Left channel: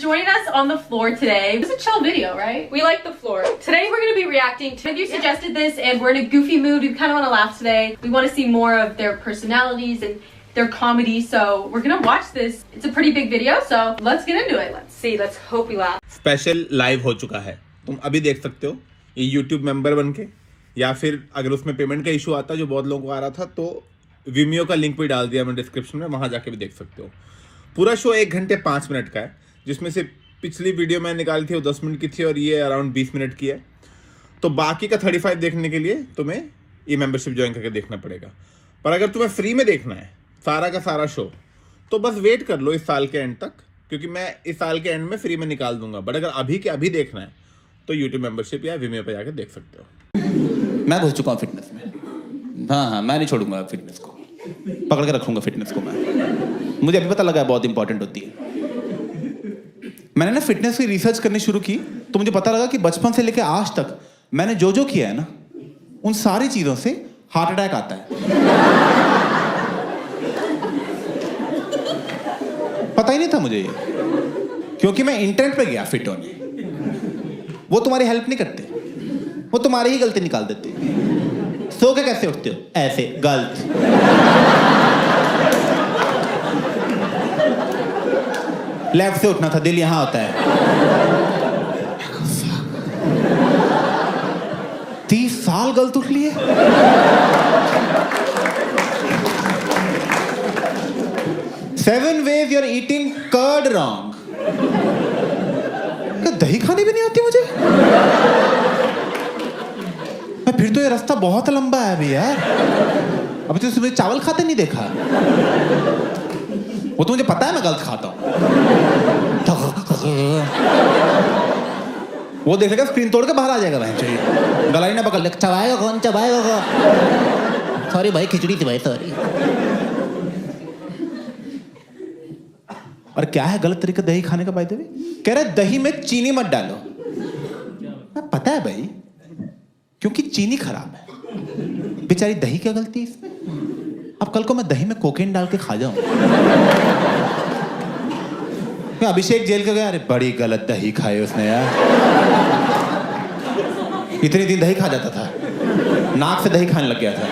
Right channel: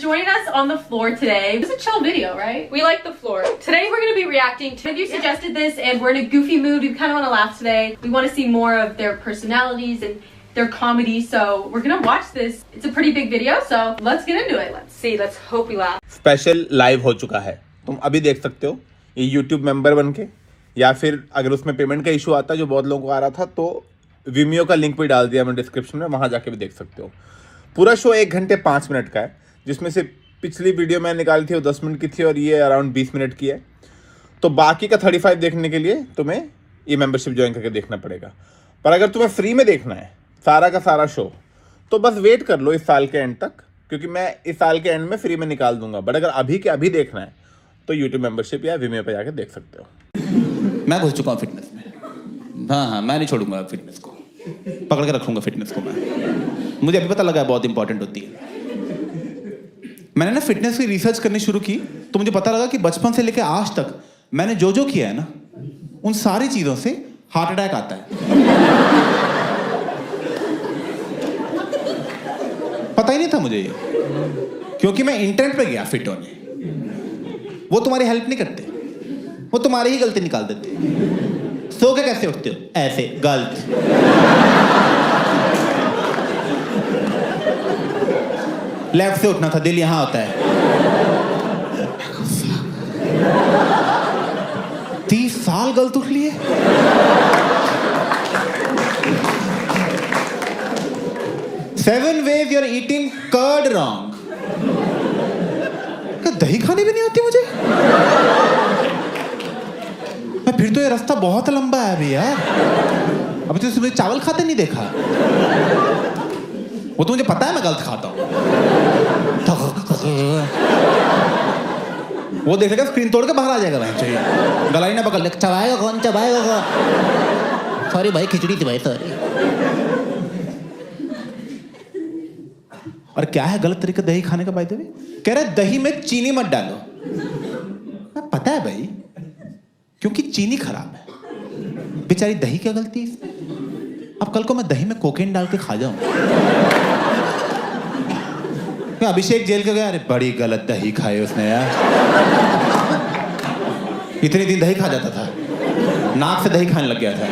joining us on the floor today. It was a chill video, right? We like the floor. Today we're going to be reacting to, you suggested this and we're in a goofy mood. We kind of want to laugh today. We want to see more of their personalities and their comedy. So we're going to watch this. It's a pretty big video, so let's get into it. Let's see. Let's hope we laugh. Special live हो चुका है, तुम अभी देख सकते हो ये YouTube member बनके, या फिर अगर उसमें पेमेंट का इशू आता है जो बहुत लोगों को आ रहा था तो Vimeo का लिंक भी डाल दिया मैंने डिस्क्रिप्शन में, वहां जाके भी देख सकते हो। पूरा शो 1 घंटे 5 मिनट का है, जिसमें से पिछली वीडियो मैंने निकाली थी वो 10 मिनट की थी और ये अराउंड 20 मिनट की है। तो बाकी का 35 देखने के लिए तुम्हें ये मेंबरशिप ज्वाइन करके देखना पड़ेगा। पर अगर तुम्हें फ्री में देखना है सारा का सारा शो तो बस वेट कर लो इस साल के एंड तक, क्योंकि मैं इस साल के एंड में फ्री में निकाल दूंगा। बट अगर अभी के अभी देखना है तो यूट्यूब मेंबरशिप या Vimeo पे जाकर देख सकते हो। मैं घुस चुका हूँ फिटनेस में। हाँ, मैं नहीं छोड़ूंगा फिटनेस को, पकड़ के रखूंगा फिटनेस को मैं। मुझे अभी पता लगा बहुत इंपॉर्टेंट होती है। मैंने ना फिटनेस की रिसर्च करनी शुरू की तो मुझे पता लगा कि बचपन से लेकर आज तक मैंने जो जो किया है ना, उन सारी चीजों से हार्ट अटैक आता है। पता ही नहीं था मुझे ये, क्योंकि मैं इंटरनेट पे गया फिट होने। वो तुम्हारी हेल्प नहीं करते, वो तुम्हारी ही गलती निकाल देते। सो के कैसे उठते हो? ऐसे गलत। लेफ्ट से उठना था, दिल यहां होता है। 30 साल गलत उठ लिए। Seven ways you're eating curd wrong. क्या दही खानी भी नहीं आती मुझे? फिर तो ये रास्ता बहुत लंबा है अभी यार। अभी तो सुबह चावल खाते नहीं देखा। वो तो मुझे पता है मैं गलत खाता हूं। वो देखेगा स्क्रीन तोड़ के बाहर आ जाएगा भाई। गलाई ना पकड़ ले, चबाएगा कौन, चबाएगा कौन? सॉरी भाई, खिचड़ी थी भाई, सॉरी। और क्या है गलत तरीका दही खाने का? बाय द वे कह रहा है दही में चीनी मत डालो। पता है भाई, क्योंकि चीनी खराब है। बेचारी दही क्या गलती है इसमें? अब कल को मैं दही में कोकेन डाल के खा जाऊं। अभिषेक जेल के गया, अरे बड़ी गलत दही खाई उसने यार। इतने दिन दही खा जाता था, नाक से दही खाने लग गया था।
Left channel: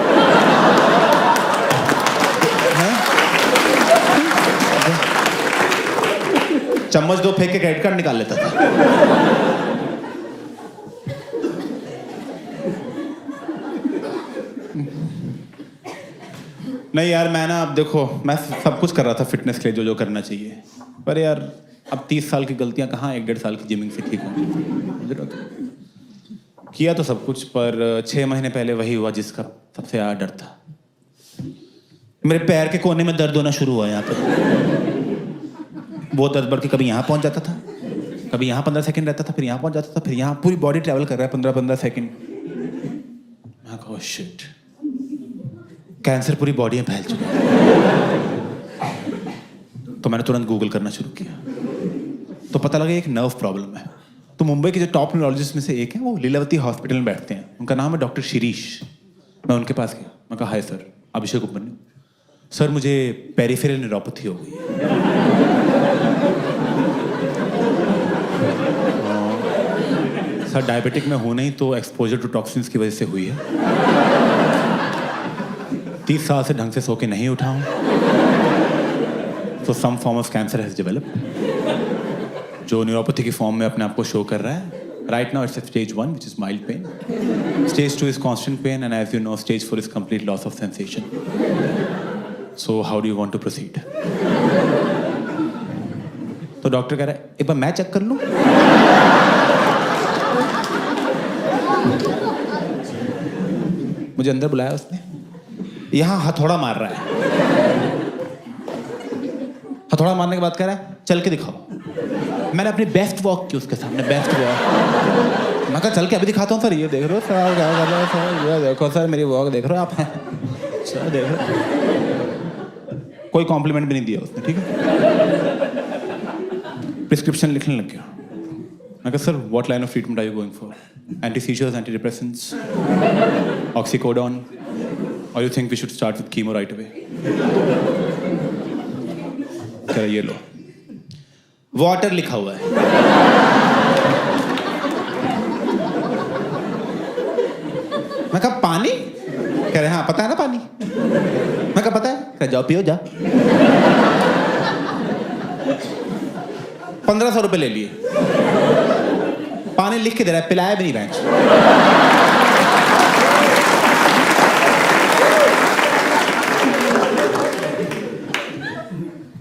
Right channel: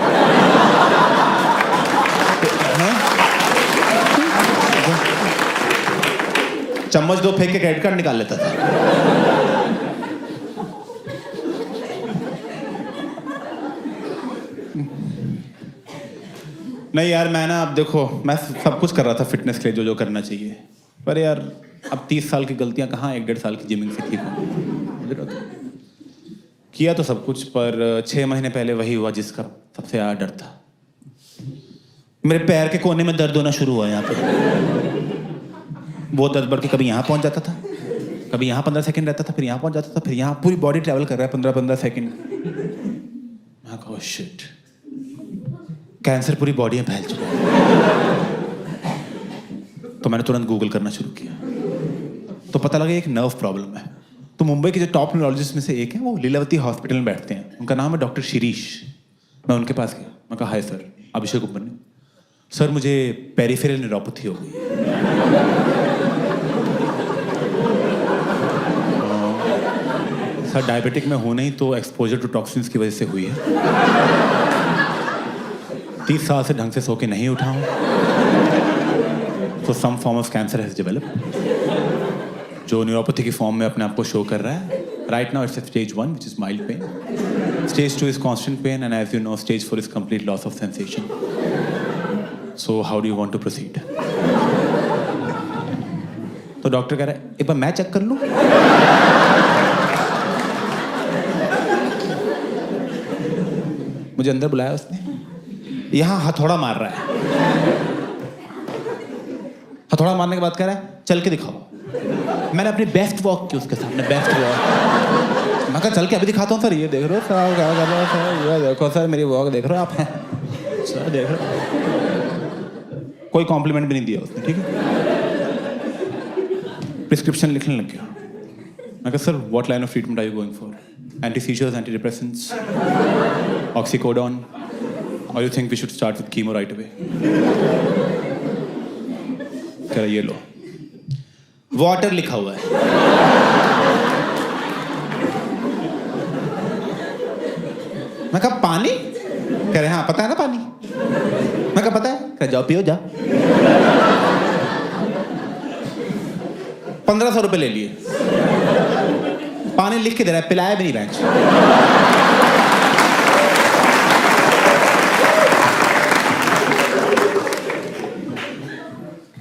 चम्मच 2 फेंक के क्रेडिट कार्ड निकाल लेता था। नहीं यार, मैं ना अब देखो, मैं सब कुछ कर रहा था फिटनेस के लिए जो जो करना चाहिए, पर यार अब 30 साल की गलतियां कहाँ 1-1.5 साल की जिमिंग से ठीक होंगी। किया तो सब कुछ, पर 6 महीने पहले वही हुआ जिसका सबसे ज़्यादा डर था। मेरे पैर के कोने में दर्द होना शुरू हुआ यहाँ पे। वो दर्द बढ़ के कभी यहाँ पहुँच जाता था, कभी यहाँ 15 सेकंड रहता था, फिर यहाँ पहुँच जाता था, फिर यहाँ पूरी बॉडी ट्रैवल कर रहा है 15-15 सेकंड। मैं कहा शिट, कैंसर पूरी बॉडी में फैल चुका है। तो मैंने तुरंत गूगल करना शुरू किया तो पता लगा एक नर्व प्रॉब्लम है। तो मुंबई के जो टॉप न्यूरोलॉजिस्ट में से एक है, वो लीलावती हॉस्पिटल में बैठते हैं, उनका नाम है डॉक्टर शिरीष। मैं उनके पास गया, मैं कहा हाय सर, अभिषेक उपमन्यु सर, मुझे पेरिफेरल न्यूरोपैथी हो गई है। सर डायबिटिक में हूं नहीं तो एक्सपोजर टू टॉक्सिन्स की वजह से हुई है। 30 साल से ढंग से सो के नहीं उठा हूं, तो some form of cancer has developed, जो न्यूरोपैथी की फॉर्म में अपने आप को शो कर रहा है। Right now it's stage 1 which is mild pain, stage 2 is constant pain, and as you know stage 4 is complete loss of sensation. So how do you want to proceed? तो doctor कह रहा है एक बार मैं check कर लूं। मुझे अंदर बुलाया उसने, यहां हथौड़ा मार रहा है। हथौड़ा मारने के बाद कह रहा है चल के दिखाओ। मैंने अपनी बेस्ट वॉक की उसके सामने, बेस्ट वॉक। मैं कहा चल के अभी दिखाता हूँ सर, ये देख रहे हो सर, क्या कर रहे हो सर, ये देखो सर मेरी वॉक देख रहे हो आप? सर देख रहे हो? कोई कॉम्प्लीमेंट भी नहीं दिया उसने, ठीक है। प्रिस्क्रिप्शन लिखने लग गया। मैं कहा sir what line of treatment are you going for? Anti seizures, anti depressants, oxycodone, और you think we should start with chemo right away? कह रहा ये लो। वाटर लिखा हुआ है। मैं कहा पानी? कह रहे हाँ पता है ना पानी। मैं कहा पता है। कह जाओ पियो जा। 1500 रुपए ले लिए। पानी लिख के दे रहा है, पिलाया भी नहीं बेंच।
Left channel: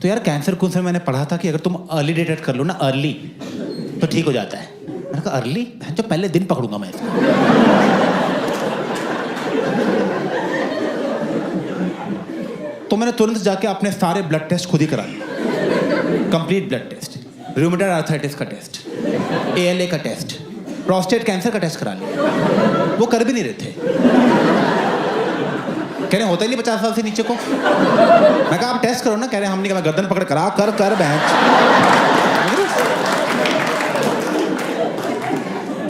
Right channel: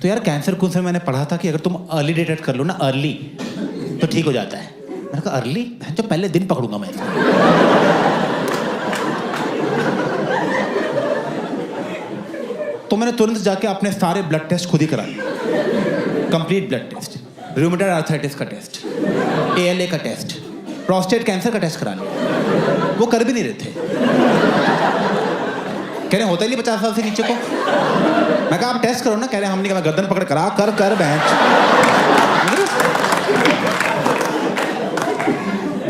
तो यार कैंसर कौन से मैंने पढ़ा था कि अगर तुम अर्ली डिटेक्ट कर लो ना, अर्ली, तो ठीक हो जाता है। मैंने कहा अर्ली? जो पहले दिन पकड़ूंगा मैं इसको। तो मैंने तुरंत जाके अपने सारे ब्लड टेस्ट खुद ही करा लिए। Complete blood test, rheumatoid arthritis का टेस्ट, ALA का टेस्ट, प्रोस्टेट कैंसर का टेस्ट करा लिया। वो कर भी नहीं रहे थे। कह रहे होता ही नहीं 50 साल से नीचे को। मैं कहा आप टेस्ट करो ना। कह रहे हम नहीं, मैं गर्दन पकड़ करा कर बेंच।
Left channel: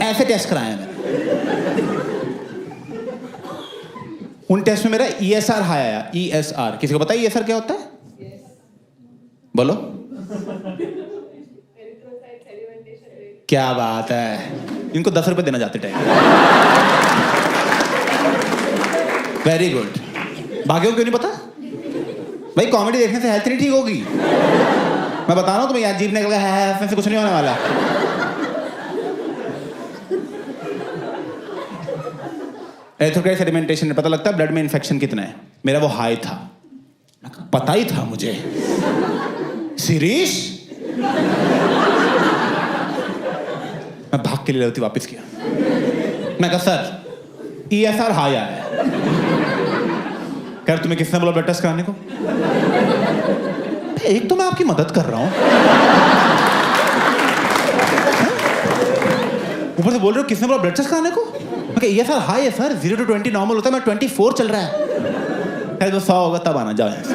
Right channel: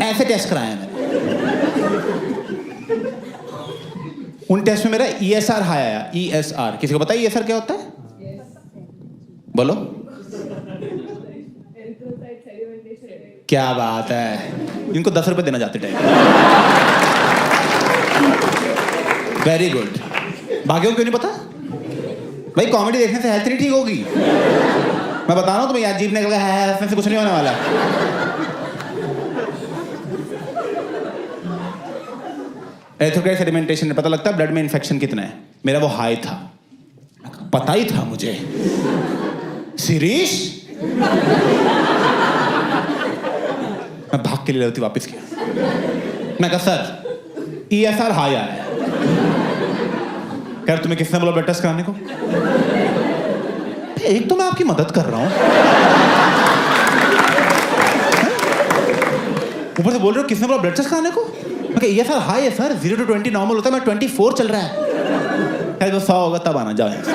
ऐसे टेस्ट कराया मैंने। उन टेस्ट में मेरा ESR हाई आया। ESR किसी को पता है ESR क्या होता है? बोलो। क्या बात है, इनको 10 रुपए देना जाते टाइम। Very good. भाग्यों क्यों नहीं पता भाई? कॉमेडी देखने से हेल्थ नहीं ठीक होगी। मैं बता रहा हूँ तुम्हें, यार जीभ निकल गया है, इसमें से कुछ नहीं होने वाला। एरिथ्रोक्राइट सेडिमेंटेशन में पता लगता है ब्लड में इन्फेक्शन कितना है। मेरा वो हाई था। पता ही था मुझे। शिरीष, मैं भाग के लिए लड़ती वापस किया। मैं कहा सर ESR हाई आया है। कह रहे तुम्हें किसने बोला ब्लड टेस्ट कराने को? एक तो मैं आपकी मदद कर रहा हूं, ऊपर से बोल रहे हो किसने बोला ब्लड टेस्ट कराने को? मैं कहा ESR हाई है सर, 0 to 20 नॉर्मल होता है, मैं 24 चल रहा है। कह तो 100 होगा तब आना, जाओ यहाँ से।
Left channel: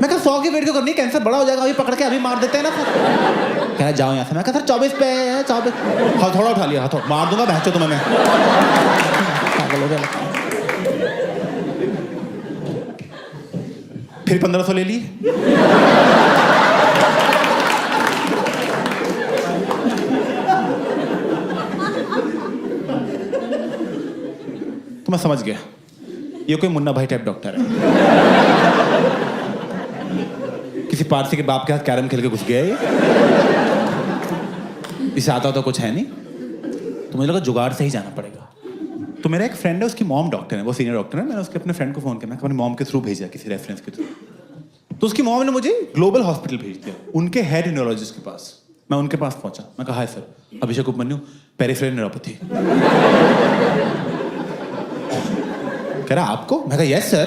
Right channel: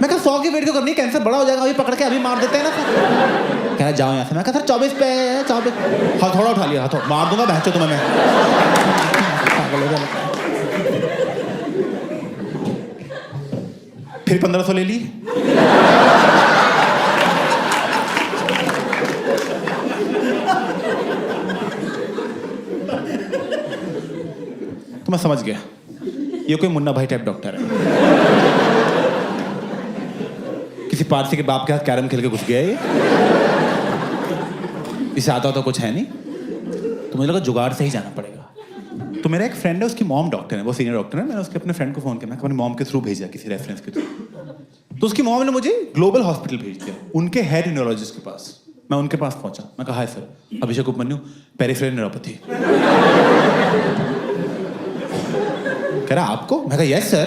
मैं कहा 100 की वेट क्यों करनी है, कैंसर बड़ा हो जाएगा, अभी पकड़ के अभी मार देते हैं ना सर। कह रहा जाओ यहाँ से। मैं कहा सर 24 पे है, 24। हथौड़ा उठा लिया, हथौड़ा मार दूंगा बहचो तुम्हें मैं। पागल हो गया। फिर 1500 ले लिए। तो मैं समझ गया ये कोई मुन्ना भाई टाइप डॉक्टर है। किसी पारसी के बाप के हाथ कैरम खेल के घुस गया ये। इसे आता तो कुछ है नहीं, तो मुझे लगा जुगाड़ से ही जाना पड़ेगा। तो मेरा एक फ्रेंड है, उसकी मॉम डॉक्टर है, वो सीनियर डॉक्टर है। मैंने उसके अपने फ्रेंड को फोन किया, मैं अपनी मॉम के थ्रू भेजा, किसी रेफरेंस के थ्रू। तो उसकी मॉम ने मुझे ग्लोबल हॉस्पिटल भेज दिया, उनके हेड न्यूरोलॉजिस्ट के पास। मैं उनके पास पहुंचा। मैं कहा हाय सर, अभिषेक उपमन्यु, पेरिफेरल न्यूरोपैथी। कह रहा आपको? मैं कहा यस सर।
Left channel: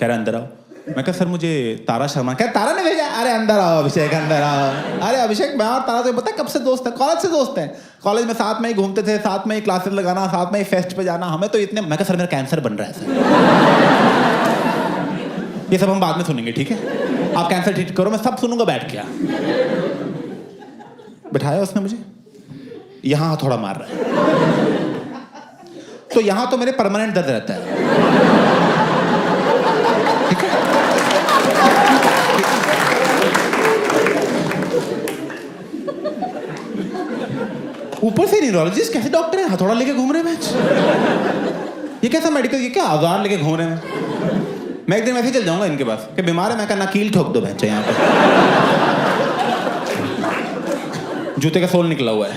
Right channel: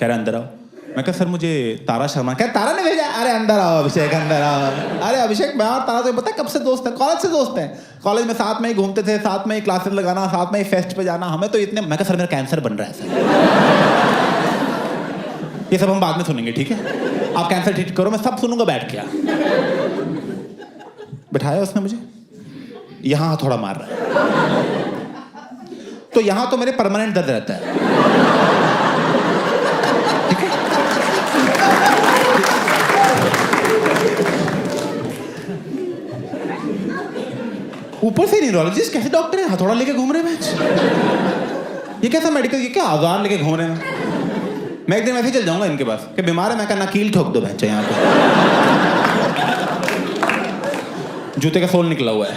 कह रहा अंदर आओ। मैं कहा सर मुझे तारा शर्मा। क्या तारा ने भेजा? अरे अंदर आओ अभिषेक, अंदर आओ। अरे अभिषेक मैं और तारा तो पता है कब से दोस्त है, कॉलेज से दोस्त हैं। कॉलेज में साथ में ही घूमते थे, साथ में ही क्लासेस लगाना, साथ में ही फेस्ट पे जाना, हमें तो इतने। मैं कहा सर मेरा कैंसर बन रहा है सर। ये सब हम बाद में सुनेंगे, ठीक है? आप कैंसर ठीक करो, मैं सब सुनूंगा बैठ के। बिठाया उसने मुझे, यहाँ थोड़ा मार रहा है, तो यहाँ तो मेरे परमानेंट दर्द रहता है, ठीक है? ऊपर से न्यूरोलॉजिस्ट कैसे डॉक्टर है, हथौड़ा लेके घूम रहे हैं। ये कैसा मेडिकल, ये क्या औजार लेके घूम रहे हैं? मैं एक दिन वैसे ही चल जाऊंगा इनके पास कि बीमार है। मैं कहना कील ठोक दो बच्चे, यहाँ पे जूते का सोल निकला हुआ है।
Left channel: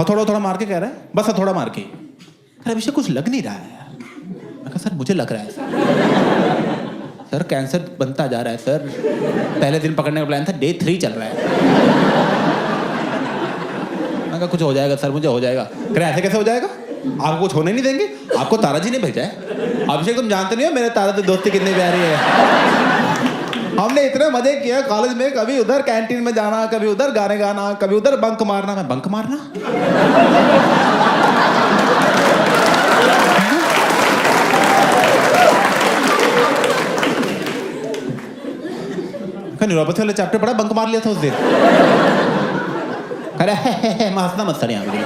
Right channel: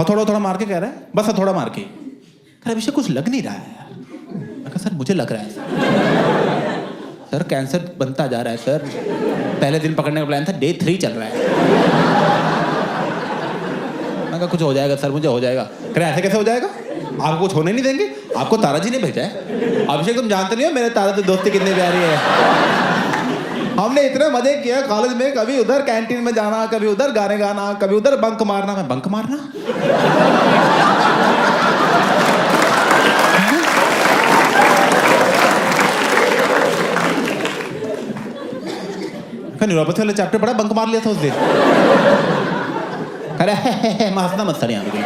हथौड़ा थोड़ा मार के कह रहा है, बस हथौड़ा मार के। अरे अभिषेक कुछ लग नहीं रहा है यार। मैं कहा सर मुझे लग रहा है सर कैंसर बनता जा रहा है सर। पहले दिन पकड़ने का प्लान था, डे 3 चल रहा है। मैं कहा कुछ हो जाएगा सर, मुझे हो जाएगा। कह रहे ऐसे कैसे हो जाएगा, आपको कुछ होने नहीं देंगे, आपको तारा जी ने भेजा है। अभिषेक तुम जानते नहीं हो मेरे तारा से दोस्ती कितनी प्यारी है। हमने इतने मजे किए कॉलेज में, कभी उधर कैंटीन में जाना, कभी उधर गाने गाना, कभी उधर बंक मारना। मैं बंक मारना? न्यूरोपैथी वाला चैप्टर पढ़ा, बंक मार लिया था उस दिन। अरे मैं हंसना मत सर यहाँ पे।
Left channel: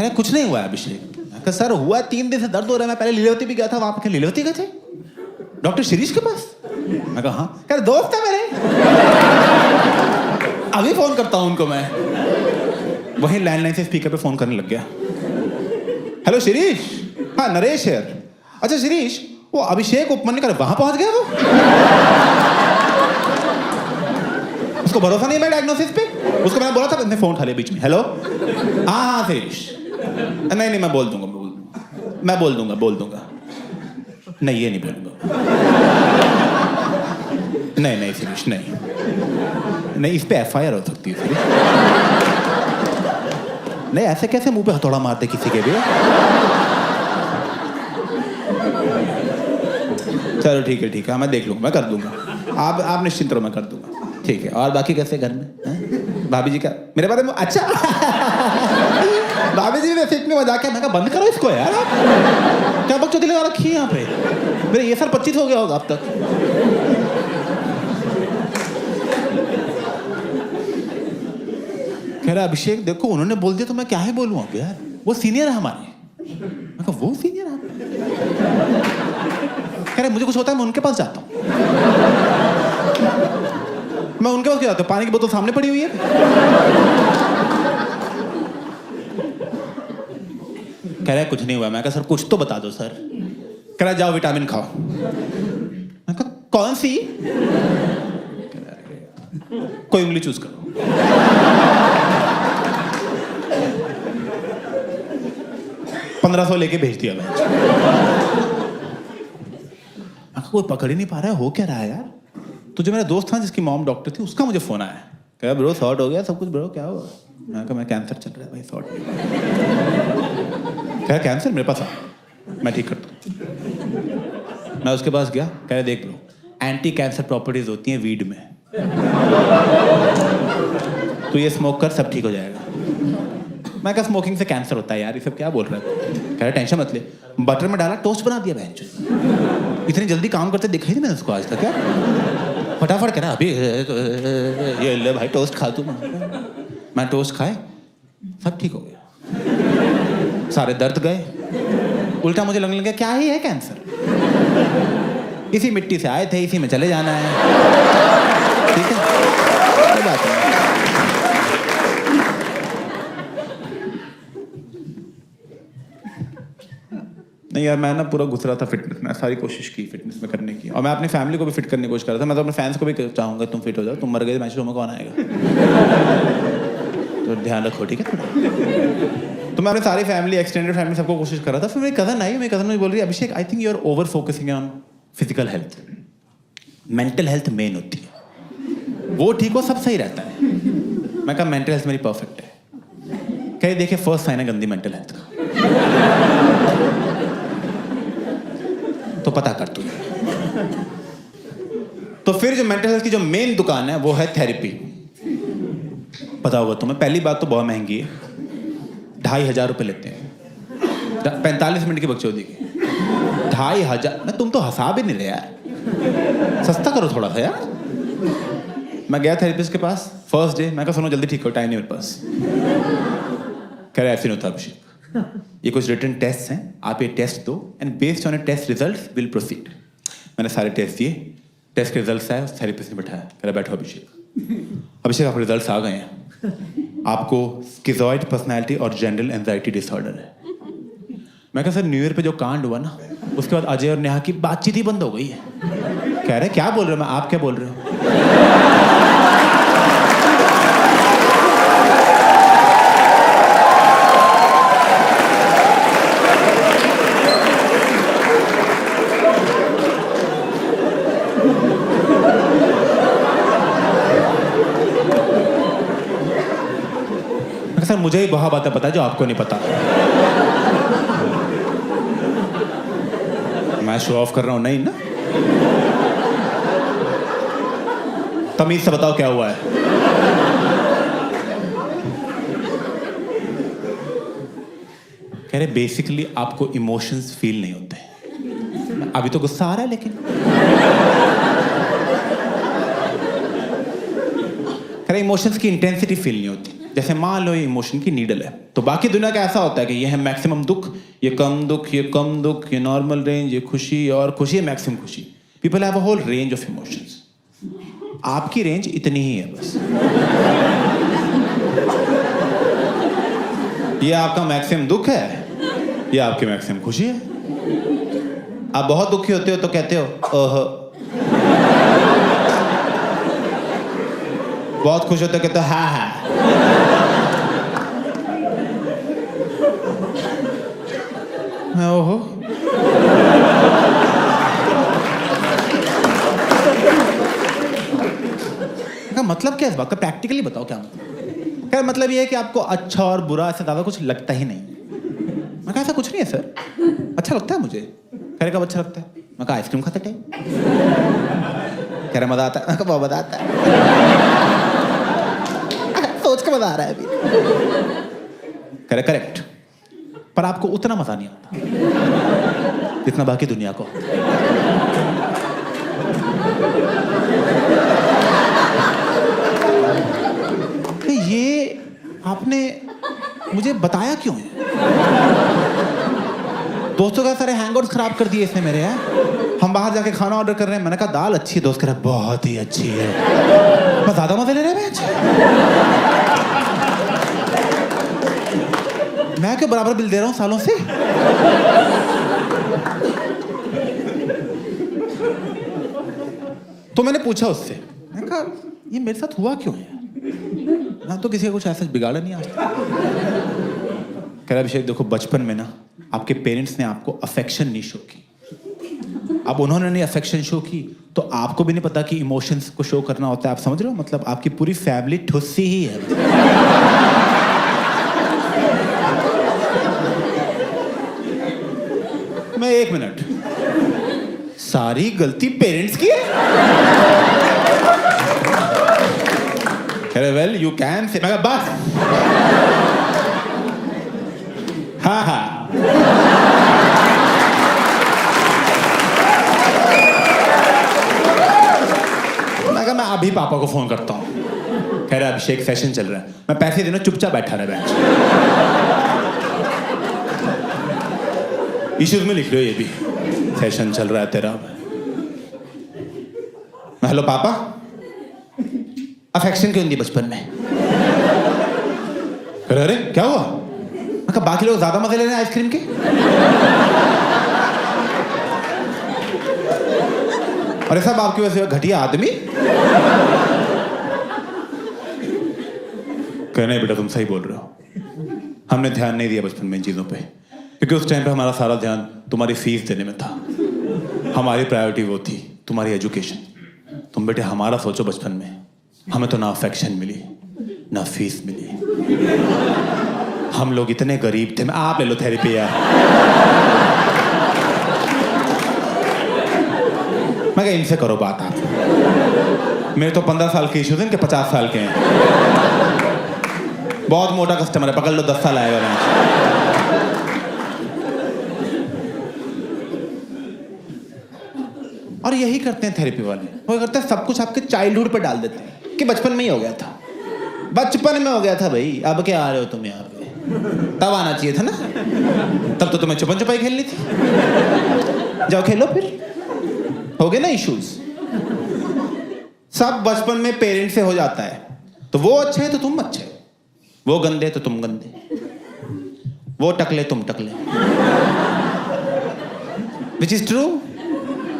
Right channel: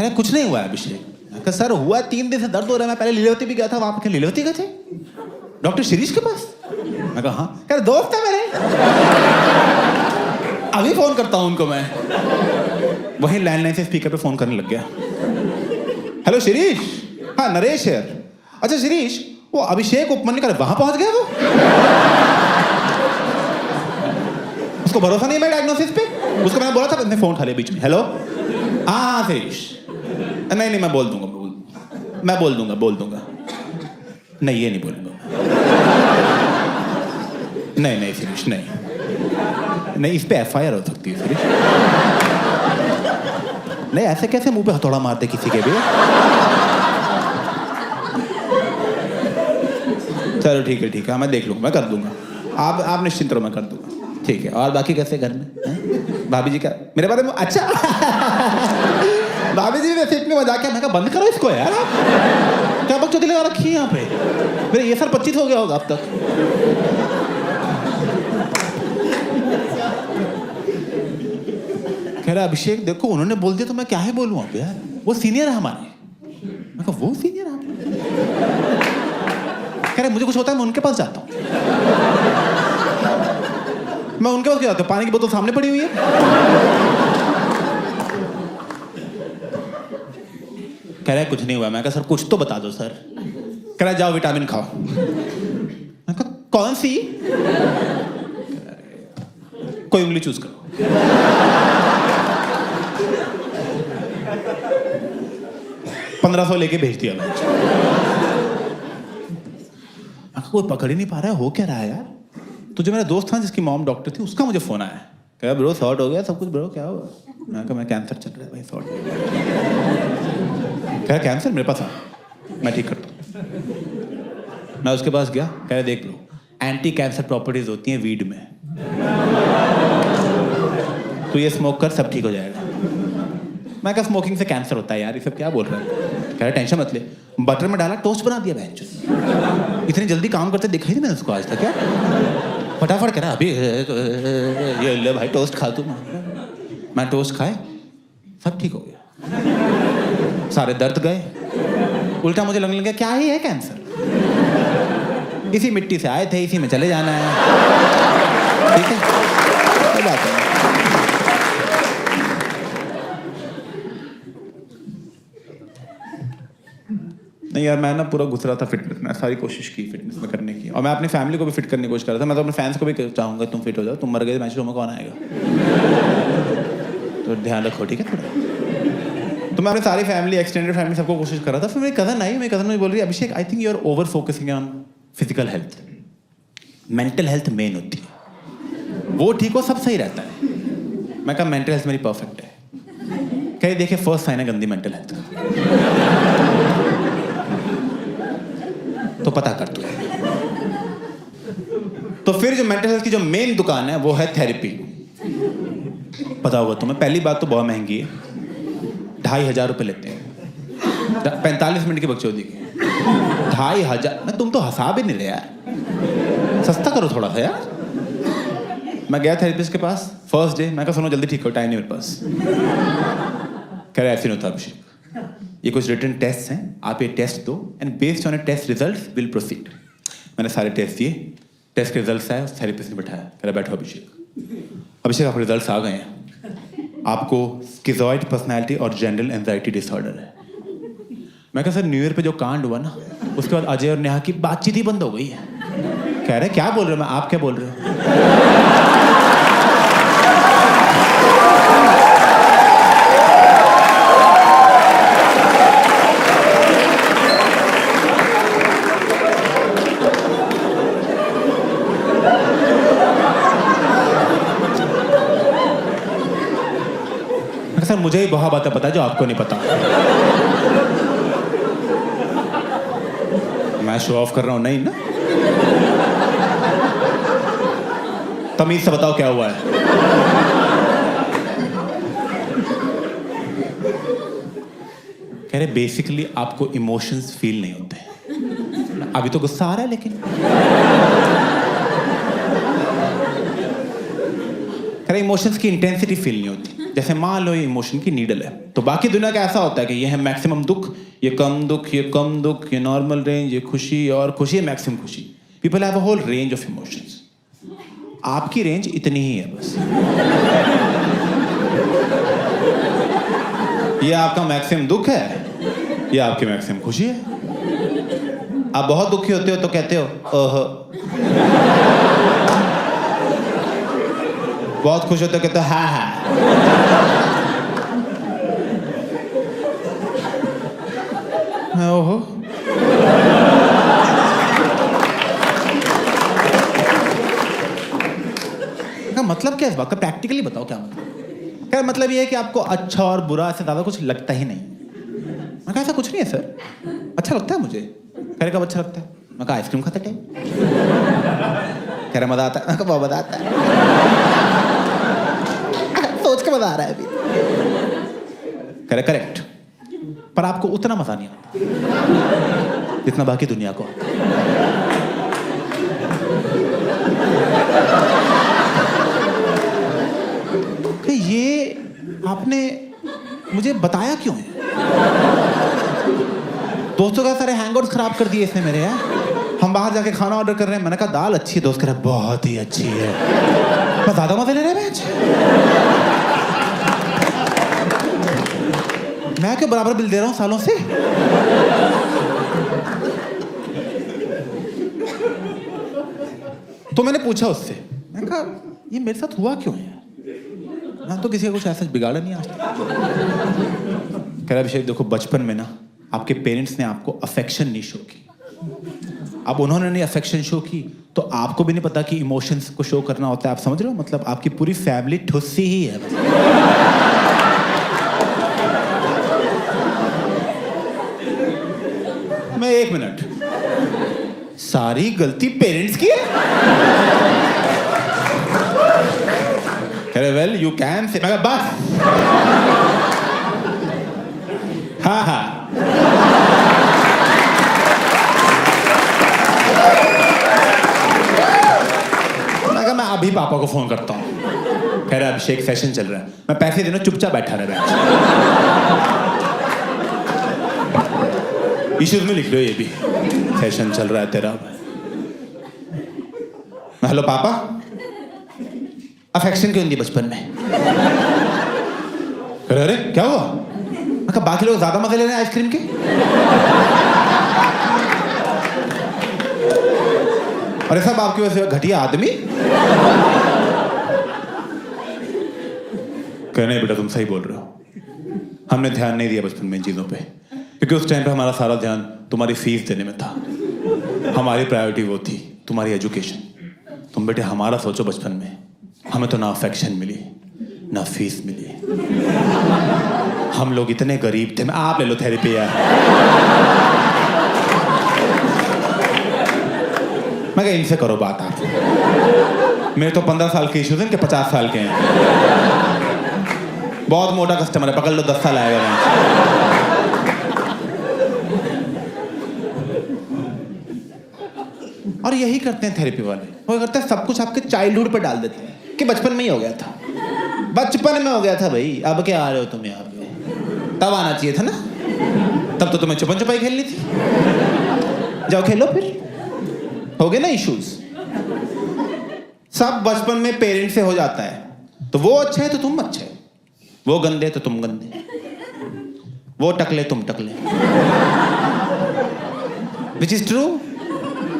कह रहे कुछ नहीं हुआ है अभिषेक। मैं कहा सर हुआ 3 दिन से दर्द हो रहा है, मैं पहले लीलावती भी गया था, वहां पे लीलावती गए थे डॉक्टर शिरीष के पास। मैं कहा हाँ। कह रहे दोस्त है मेरे, अभी फोन करता हूं उनको मैं। वही लैंडलाइन से स्पीकर पे फोन करने लग गया। हेलो शिरीष, हाँ नरेश है। अच्छा शिरीष, वो अभिषेक उपमन्यु कर वहां पहुंच गया वो? उसको भरोसा नहीं है मैं डायग्नोसिस पे? उसको मैंने बोला था, उसने फोन उठा लिया बीच में। हेलो, हाँ शिरीष, नहीं मैं बोल दूंगा, बोल दूंगा। नहीं ये नहीं बोलूंगा। नहीं शिरीष, नहीं इस पे एफआईआर हो सकती है शिरीष। नहीं ऐसे कैसे मुंह पे हथौड़ा मारते किसी के भी। चलो ठीक है, मैं देख लूंगा, मैं कर दूंगा। आप निश्चिंत रहो, मैं कर दूंगा। ठीक है, और बाकी कैसे घर में भाभी जी का मेरे बारे में? अच्छा भाभी जी वैसे इतने मजाक है। मैं कहा बंद करो इसको यार, आप क्या बकचोदी लगा रखी है यहाँ पे। मेरे ये साल 25 हो गया होगा अब तक। कह रहा अभिषेक देखो उन्होंने बोल दिया तो मैं क्या ही बोलूं अब यार, वो सीनियर है हमारे। मैं कहा वो सीनियर है? कह रहे मुझे कुछ होता है मैं उनके पास जाता हूं। मैं उनके पास क्यों जाता हूं? पानी की बोतल सामने पड़ी हुई है। कह रहा कुछ नहीं हुआ। मैं कहा सर कुछ तो बता दो सर। कह रहा जाओ विटामिन खाओ। मैं कहा कौन सी? कोई उंगली चूज करो। $1500 लेके भेज दिया मैं। कोई पकड़ ही नहीं पा रहा है, हो क्या रहा है यार। तो जो मेरा दोस्त था जिसकी मॉम डॉक्टर थी, उसका मुझे फोन आया। कहा ब्रो सॉर्ट हो गया सब कुछ ब्रो, क्या हुआ? मैं कहा मैं कैंसर चल रहा है भाई, सॉर्ट नहीं हुआ। कहा कैंसर मेरे पास आ, मैं ठीक करता हूँ। मैं उसके पास गया। कह रहे देख ब्रो, एंटी कैंसर प्रॉपर्टीज होती हैं वीड में, तो ये स्मोक कर सब ठीक हो जाएगा। मैं कहा स्मोकिंग से कैंसर होता है यार, ये सब क्या बोल रहा है? कह रहा टेंशन मत ले। बटर में डाला, टोस्ट बना दिया बहन। इतनी जल्दी काम करते देखा ही नहीं मैंने उसको आज तक। क्या फटाफट कह रहा अभी ये ले भाई टोस्ट खा तू। मैं टोस्ट खाए, सब ठीक हो गया, सारे दर्द गए। उल्टा मुझे लगने लगा क्या ही है कैंसर, इसी मिट्टी से आए थे, इसी में चले जाना है। ठीक है, कोई बात नहीं। नहीं यार मैं ना पूरा घुस रहा था फिटनेस में, सारी कोशिश की फिटनेस में करने की, और मैं अपनी फैमिली को भी फिट करने की कोशिश कर रहा था। मैं तो अपने फैंस को भी चाहूंगा तुम फिट हो जाओ, तुम मर गए मैच में कौन आएगा। तो ध्यान रखो ठीक है थोड़ा। तो मैं अपनी सारी फैमिली, एक्सटेंडेड फैमिली, सबको कोशिश कर रहा था। फिर मेरी कज़न आई, मेरी कज़न मुझे बोल रही है Abhishek I think you are over focusing on physical health, mental health main होती है, वो ठीक हो सब सही रहता है। मैं कहा मेंटल हेल्थ मेरी परफेक्ट है। कहीं देखिए फर्स्ट साइन है गंदी मेंटल हेल्थ का, तो पता कर तू। तो फिर जो मेंटल हेल्थ की जो मेन दुकान है वो है थेरेपी। पता होगा तुम्हें, पहली बात तो बहुत महंगी है, 2500 रुपये लेते हैं 45 मिनट की बकचोदी की। 2500 मैं, तुम तो हंसा भी नहीं रहे यार, सस्ता करो थोड़ा सा यार। मैं गया थेरेपिस्ट के पास फर्स्ट डे। मैं कहा सुनो जल्दी ठीक हो, टाइम नहीं मेरे पास। कह रहे ऐसे नहीं होता अभिषेक, ये कुछ रिटन टेस्ट हैं, आप ये टेस्ट दो and based on a test results will proceed. मैंने सारे टेस्ट दिए, टेस्ट के रिजल्ट्स आए, उस थेरेपिस्ट ने बिठाया। कह रहा बैठो अभिषेक। अभिषेक आप रिजल्ट्स आ गए हैं, आपको स्किज़ॉइड पर्सनैलिटी और जनरल एंजाइटी डिसऑर्डर है। मैं कहा सर न्यू ईयर पे जो कांड हुआ ना, उसके बाद अजय और नेहा की बातचीत ही बंद हो गई है। कह रहे क्या बोल रहे हो? मैं आप क्या बोल रहे हो? सर मुझे ही बहुत बातें पता है जो आपको नहीं पता। मैं शो ऑफ कर रहा हूं नहीं ना? तमीज से बताओ क्या हुआ है। कह रहे बेसिकली आपको इमोशंस फील नहीं होते। अभी तो गुस्सा आ रहा है लेकिन। कह रहे इमोशंस की इंटेंसिटी फील नहीं होती। जैसे मान लो ये इमोशन की नीडल है, तो बाकी दुनिया का ऐसा होता है कि ये है मैक्सिमम दुख, ये कम दुख, ये कम दुख, ये नॉर्मल रेंज, ये खुशी, और खुशी है मैक्सिमम खुशी. People have a whole range of emotions. आपकी रेंज इतनी ही है बस. ये आपका मैक्सिमम दुख है, ये आपकी मैक्सिमम खुशी है. आप बहुत दुखी होते हो तो कहते हो ओह, बहुत खुश होते हो कहते हो हा हा. ओहो, का मतलब क्या है इस बात का? प्रैक्टिकली बताओ क्या मतलब. क्या मतलब ये है कि आपको अच्छा और बुरा से ज्यादा कुछ लगता ही नहीं. मैं कहा ऐसा कुछ नहीं है सर, अच्छा लगता है मुझे. कह रहे कब अच्छा लगता है? मैं कहा आइसक्रीम खाते टाइम. कह रहे मजा आता है. मैं कहा बहुत मजा आता है. सोच के मजा आ रहा है अभी. कह रहे करेक्ट, पर आपको उतना मजा नहीं आता जितना बाकी दुनिया को आता है. तो ये आपने मुझे बताया क्यों है? दोस्तों का सारे हैंगआउट्स खराब कर दिए इसने मेरे. हम बाहर जाके खाना ऑर्डर कर रहे हैं, मैंने कहा दाल अच्छी है, दोस्त कह रहा है बहुत ही अच्छी है. मैं ज्यादा मजे ले रहे हैं. मैं क्यों बराबर बिल दे रहा हूं सालों से? तो मैंने पूछा उससे, मैंने कहा ये मेरे साथ हुआ क्यों है? मैं तो किसी का कुछ ऐसा बिगाड़ा नहीं आज तक. कह रहा अभिषेक देखो, बचपन में ना आपके पेरेंट्स ने आपको अफेक्शन नहीं शो की. अब उन्होंने नहीं अफेक्शन शो की तो आपको भी नहीं पता कि इमोशंस को शो करना होता है. आप समझ रहे हो? मतलब आपकी पूरी फैमिली ठुस्सी ही है. मैं 1 मिनट, सारी गलती पेरेंट्स की है? Well you can say. मैं बस हाँ हाँ. मैं अभी पापा को फोन करता हूँ. कह रहा अभिषेक सेशन चल रहा है, मैं पैसे देना, चुपचाप बैठा रहा बेंच. इश्यूज में लिख लो ये भी, सेशन चल रहा है तेरा. हेलो पापा, अफेक्शन क्यों नहीं दी बचपन में? अरे क्या हुआ? मैं कहा बाकी लोग ज्यादा मजे ले रहे हैं आइसक्रीम के. अरे सब आपकी वजह से घटिया आदमी. कहने बेटा तुम सही बोल रहे हो, हमने ध्यान नहीं दिया बचपन में इन चीजों पे, क्योंकि उस टाइम पे हमारा सारा ध्यान तुम्हारी फीस देने में था. हमारी प्रायोरिटी वो थी तुम्हारी एजुकेशन. तुम बेटे हमारा सोचो, बचपन में हमें तो ना अफेक्शन मिली ना फीस मिली. हम लोग इतने गरीब थे. आप ले लो थेरेपी यार. मैं कहा इनसे करो बात आप. मेरे तो 15 साल के इश्यूज हैं, इनके 50 साल के हैं. बहुत मोटा कस्टमर है, पकड़ लो 10 साल आएगा. मैं और यही करते हैं थेरेपी वाले. वो करते हैं सब कुछ आपके चाइल्डहुड पर डाल देते हैं कि बचपन में ही हो गया था. बचपन में हो गया था भाई, अब क्या आ रहे हो तुम यहाँ पे? तब आना चाहिए था ना, तब तो तुम्हें छुपन छुपाई खेलनी थी. जाओ खेलो फिर. हो गए ना इश्यूज. सब बचपन में पेरेंट्स से हो जाता है. तो वो अच्छे है तो तुम अच्छे, वो गंदे तो तुम गंदे, वो टकले तुम टकले. Which is true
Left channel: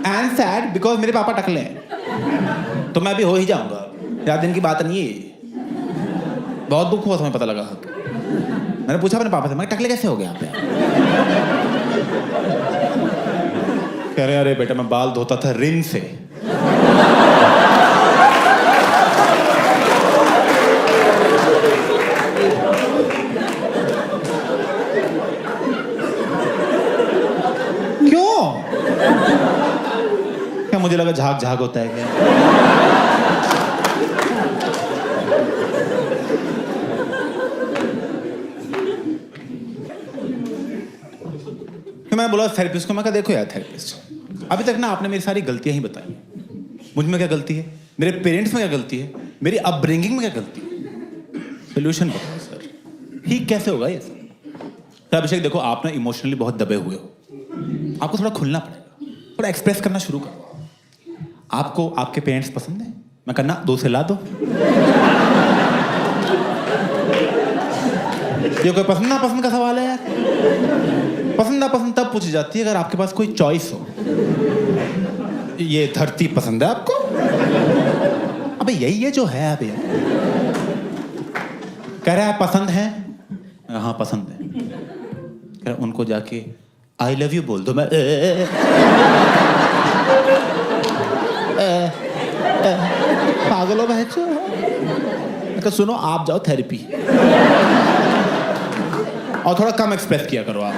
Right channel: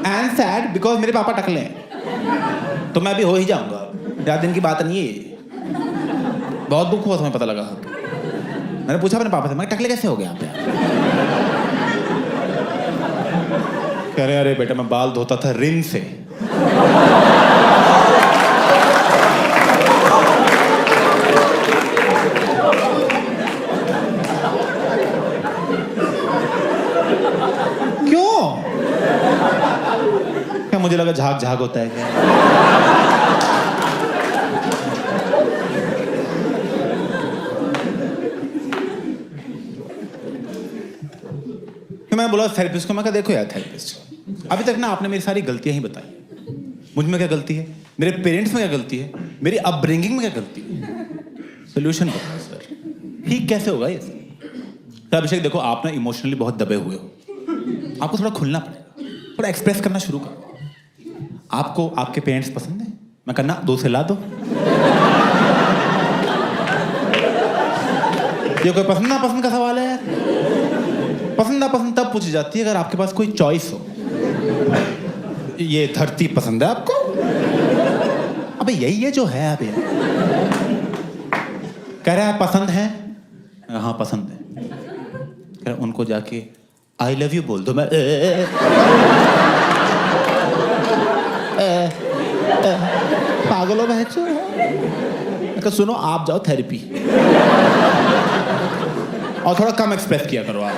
and sad, because मेरे पापा टकले हैं तो मैं भी हो ही जाऊंगा. ज्यादा दिन की बात नहीं है. बहुत दुख हुआ तुम्हें पता लगा. मैंने पूछा अपने पापा से, मैं टकले कैसे हो गए आप? कह रहे अरे बेटा मैं बाल धोता था रिन से. क्यों? क्या मुझे लगा झाग झाग होता है क्या? मैं बोला थेरेपिस्ट को, मैं कहा देखो यार थेरेपिस्ट, अभी तक ना आपने मेरी सारी गलतियां ही बताई. मुझ में क्या गलती है, मेरे पेरेंट्स में क्या गलती है, मेरी अपब्रिंगिंग में क्या गलती है. सोल्यूशन बताओ सर, ठीक कैसे होगा ये सर? तो अभिषेक देखो, आप ना इमोशनली बहुत दबे हुए हो, आपको थोड़ा खुलना पड़ेगा, थोड़ा एक्सप्रेस करना शुरू करो। आपको आपके पेरेंट्स पसंद है? मैं कहना 2 से ला दो। ये कोई पसंद नापसंद का सवाल है यार? पसंद नापसंद तब पूछी जाती है अगर आपके पास कोई चॉइस हो। ये धरती पसंद है आपको? अबे यही है जो है। अब यार कह रहा है पसंद है, हाँ पसंद है। कह रहा उनको जाके आई लव यू बोल दो। मैं पागल हो बहचो। मैं कहा सुनो, आप जाओ थेरेपी और थोड़ा कम एक्सप्रेस किया करो आप।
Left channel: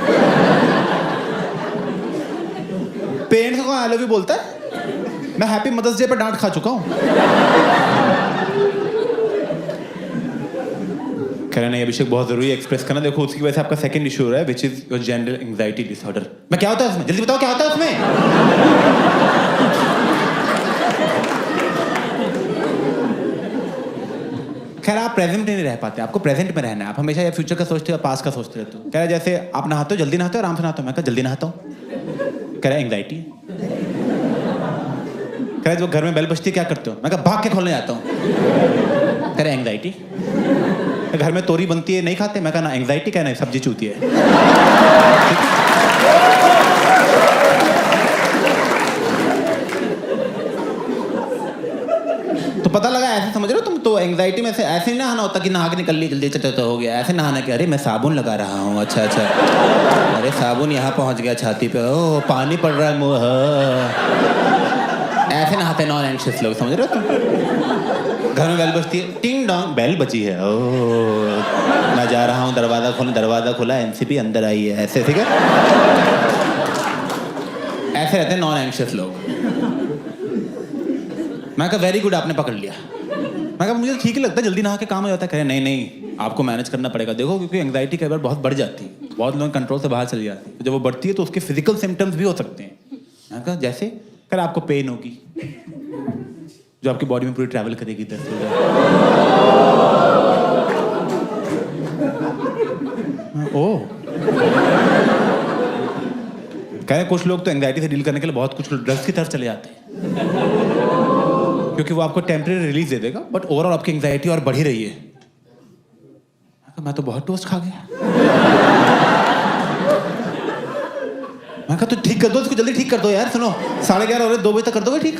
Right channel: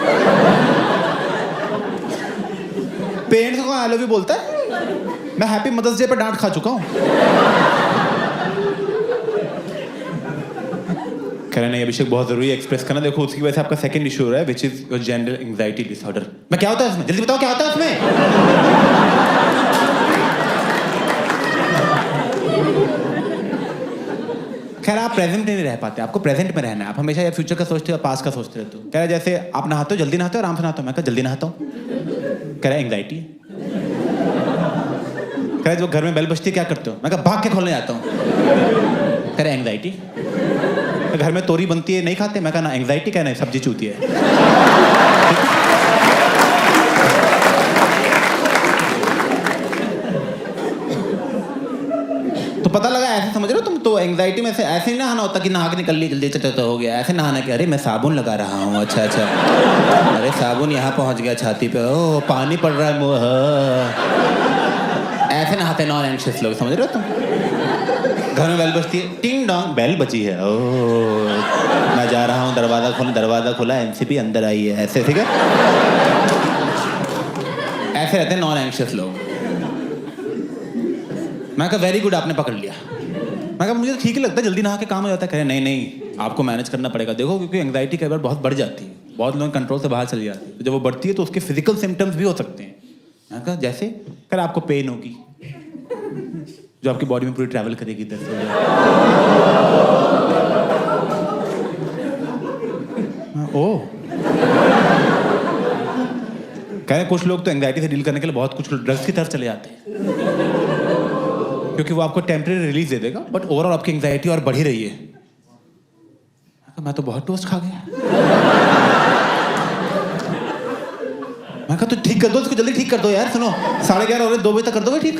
पेरेंट्स को आई लव यू बोलता है? मैं हैप्पी मदर्स डे पर डांट खा चुका हूं। कह रहे नहीं अभिषेक, बहुत जरूरी है एक्सप्रेस करना। देखो उसकी वजह से आपका सेकंड इशू हो रहा है, which is your general anxiety disorder. मैं क्या होता है उसमें, जल्दी बताओ क्या होता है उसमें? खैर आप प्रेजेंट में नहीं रह पाते, आपको प्रेजेंट में रहना है। आप हमेशा या फ्यूचर का सोचते हो या पास्ट का सोचते रहते हो। कह रहा जैसे आप नहाते हो, जल्दी नहाते हो आराम से नहाते हो? मैं कहा जल्दी नहाता हूँ। कह रहा एंग्जाइटी है। कह रहा जो घर में बेल बजती है क्या करते हो? मैं कहा भाग के खोलने जाता हूँ। कह रहा एंग्जाइटी। घर में तोरी बनती है नहीं खाते? मैं कहा ना एंग्जाइटी, कहना है सब्जी चूती है। तो पता लगा ऐसे समझ रहे हो तुम? तो एंग्जाइटी में से ऐसे ही नहाना होता कि नहा के निकल ली जल्दी तो हो गया। ऐसे नहाना कि अरे मैं साबुन लगा रहा हूँ, अच्छा अच्छा, अरे साबुन यहाँ पहुँच गया छाती पे, ओ पानी पड़ रहा है मुँह। ऐसे नहाते नॉन एंग्शियस लोग, समझ रहे हो तुम? घर में बेल बजती है, टिंग डोंग बेल बजी है, ओ मैं जा रहा हूँ दरवाजा खुला एनसीपी अंदर आई है, ऐसे ठीक है। ऐसे रहते हैं नॉन एंग्शियस लोग। मैं कहा वेरी गुड, आपने पकड़ लिया। मैं कहा मुझे ठीक ही लगता है, जल्दी नहा के काम हो जाता है। कहे नहीं आपको मैनेज करना पड़ेगा। देखो क्योंकि एंग्जाइटी कई बार बहुत बढ़ जाती है, बहुत लोग कंट्रोल से बाहर चली जाती है। तो जब वो बढ़ती है तो उसके फिजिकल सिम्टम्स भी हो सकते हैं। मैं कहा जैसे कर आपको पेन होगी जो आपकी बॉडी में पूरी ट्रैवल करेगी, दर्द हो जाए। ओह कह रहे कुछ लोग तो एंग्जाइटी से डील करने के लिए बहुत कुछ ड्रग्स की तरफ चले जाते हैं क्योंकि वो आपको टेम्परेरी रिलीज दे देगा, बट ओवरऑल आपकी एंग्जाइटी और बढ़ी रही है। मैं तो बहुत टोस्ट खा गया। मैं कहा तो ठीक कर दो इसको, जल्दी ठीक कर दो यार। सुनो 11:30 हो रहे, 2 बजे तक कर दोगे ठीक?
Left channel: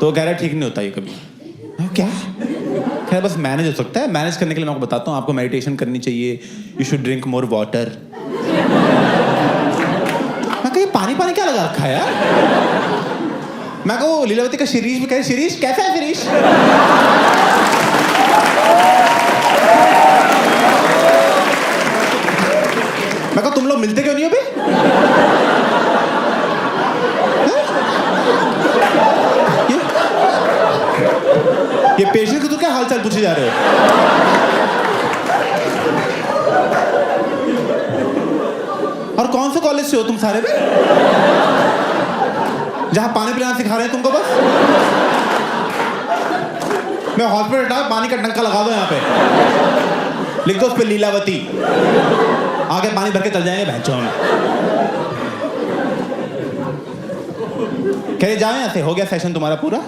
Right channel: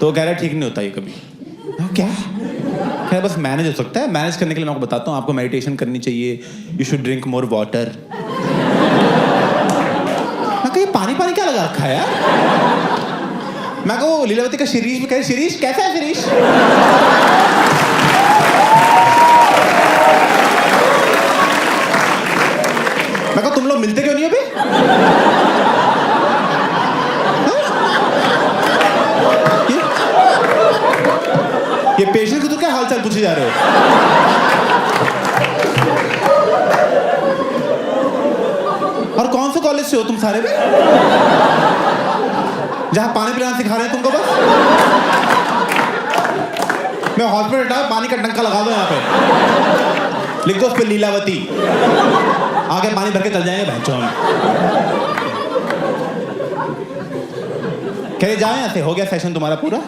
तो कह रहा ठीक नहीं होता ये कभी। क्या खैर बस मैनेज हो सकता है। मैनेज करने के लिए मैं आपको बताता हूँ, आपको मेडिटेशन करनी चाहिए, you should drink more water. मैं कहा ये पानी क्या लगा रखा है यार? मैं कहा वो लीलावती का शिरीष भी कहे, शिरीष कैसा है शिरीष? मैं कहा तुम लोग मिलते क्यों नहीं हो बे? ये पेशेंट को तो क्या हालचाल पूछे जा रहे हो? और कौन से कॉलेज से हो तुम सारे में जहां पानी पिलाना सिखा रहे हैं तुमको? बस मैं हॉस्पिटल हटा, पानी का टंका लगा दो यहाँ पे, लिख दो उस पे लीलावती, आगे पानी भर के चल जाएंगे भैंचो हम। कह जाओ यहाँ से, हो गया सेशन तुम्हारा पूरा,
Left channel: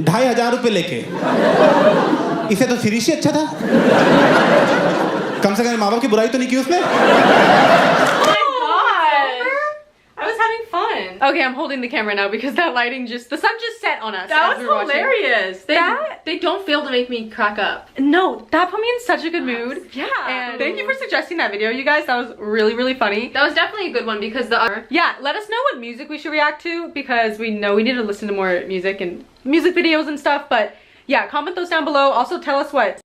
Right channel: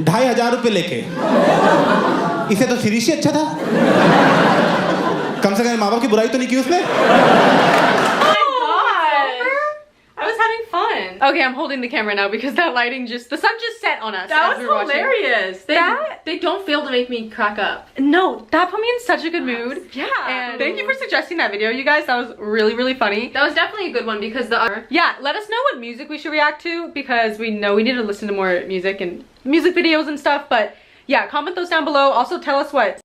2500 रुपये लेके। इसे तो शिरीष ही अच्छा था, कम से कम माँ बाप की बुराई तो नहीं की उसने। Okay, I'm holding the camera now because that lighting the sun just set on us. That was hilarious. They don't fail to make me crack up. No, that put me in such a good mood. Yeah. And thank you for suggesting that video, you guys. That was really, really funny. That was definitely a good one because yeah, let us know what music we should react to because we know we need to listen to more music and music videos and stuff. But yeah, comment those down below. Also tell us what